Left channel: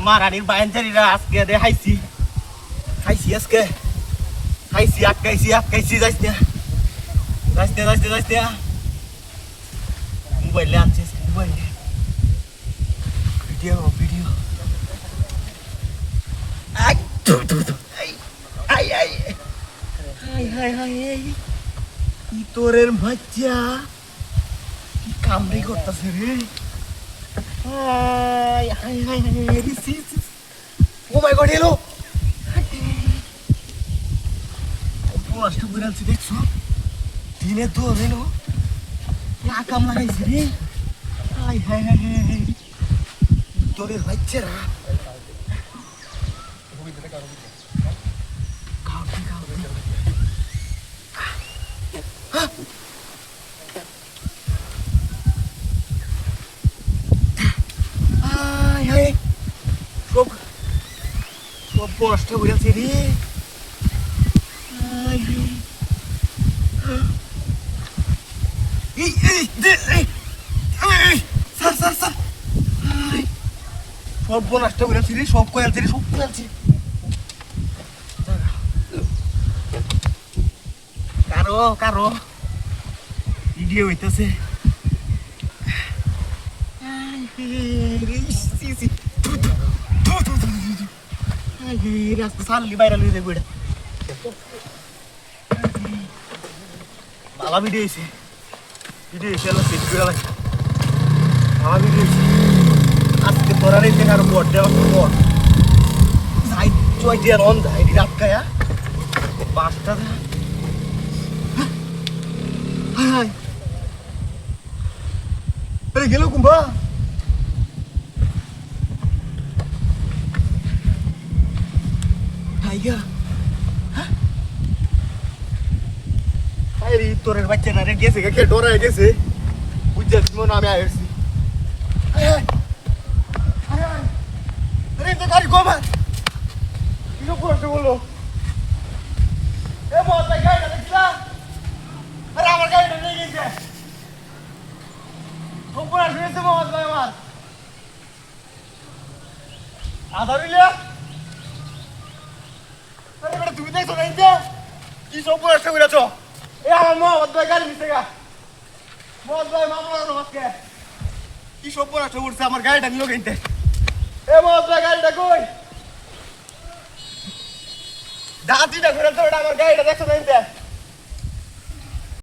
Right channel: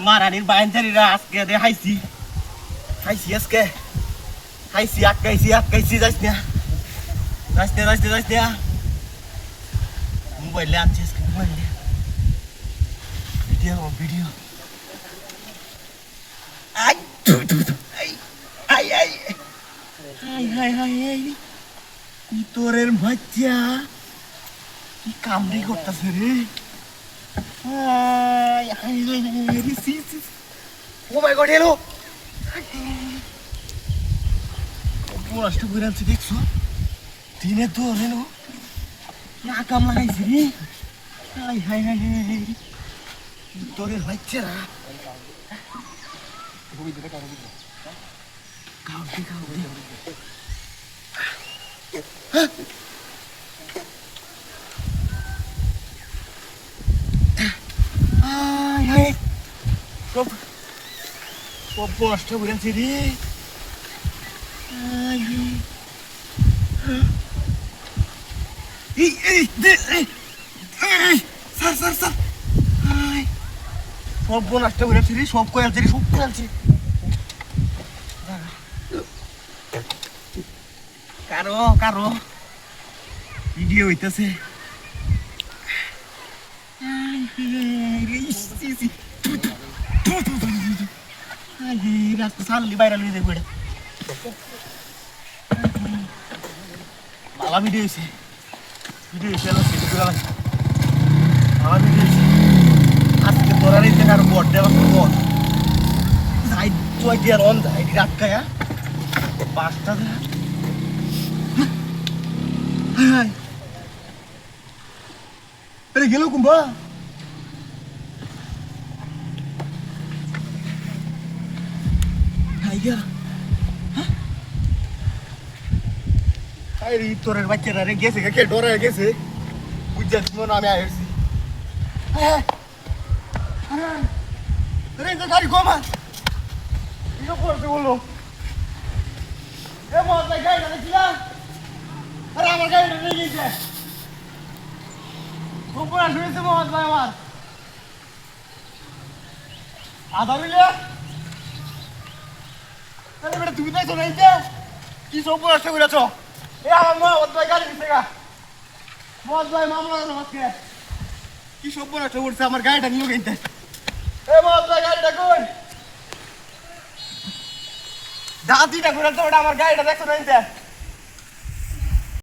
মারানির বাইনচারিরা আজকে দেখাইছি খাইছি আজকে খাইছি আটকাইছি যাইস না মোবাইলে আনছি আজকে মোবাইলে video I I I high high high এই তোরের বাচ্চা কি কামড়ি করতেছে রে হাই হাই হাই ও মাই গড এলো নষ্ট করে আনছি দেখছো দিনে তো এলো না কাম লাগাইছি রে হাই হাই হাই তোরের বাচ্চারা সব কষ্ট বুঝাচ্ছি রে সব নষ্ট বুঝাচ্ছি রে সব করে আনছি কারো ভিডিও হইতেছে রাস্তা সারলি বাইরে লুই দেবো এটা বাবা ভিডিও হয়েছে বাবা ভিডিও হয়েছে আজকে তোরা রেখে আরো বট দেওয়া বট যাই চয় দিয়ে রন যাই রাত খায়া বাঘটা হাই আরে গেল কুম্ভা হাইগা আরে তোরের বাচ্চারা রে গেছে কে ডরা গেছে বুঝছিস মনে আমি আইছি আরে গাড়ি গোমা ইনো করতে বলো এ মত ভাই গাড়ি দেখছিলা আরে আমার গাড়ি নিয়ে গেছে উপরে শুনেছে মত ভাই আমার আধা মিলিয়া আরে বেটা তুমি দেখছো না এই যে কি সব উপরে আসতে বলেছো এ আমার মত ভাই গাড়ি নিতে গা মত ভাই মামলা নমস্কার কি সব উপরে আসতে বলছে আমার গাড়িটা নিয়ে গেছে এ মত ভাই গাড়িটা কই দাঁতিটা ঘুরে তো আমার গাড়িটা দেখছো না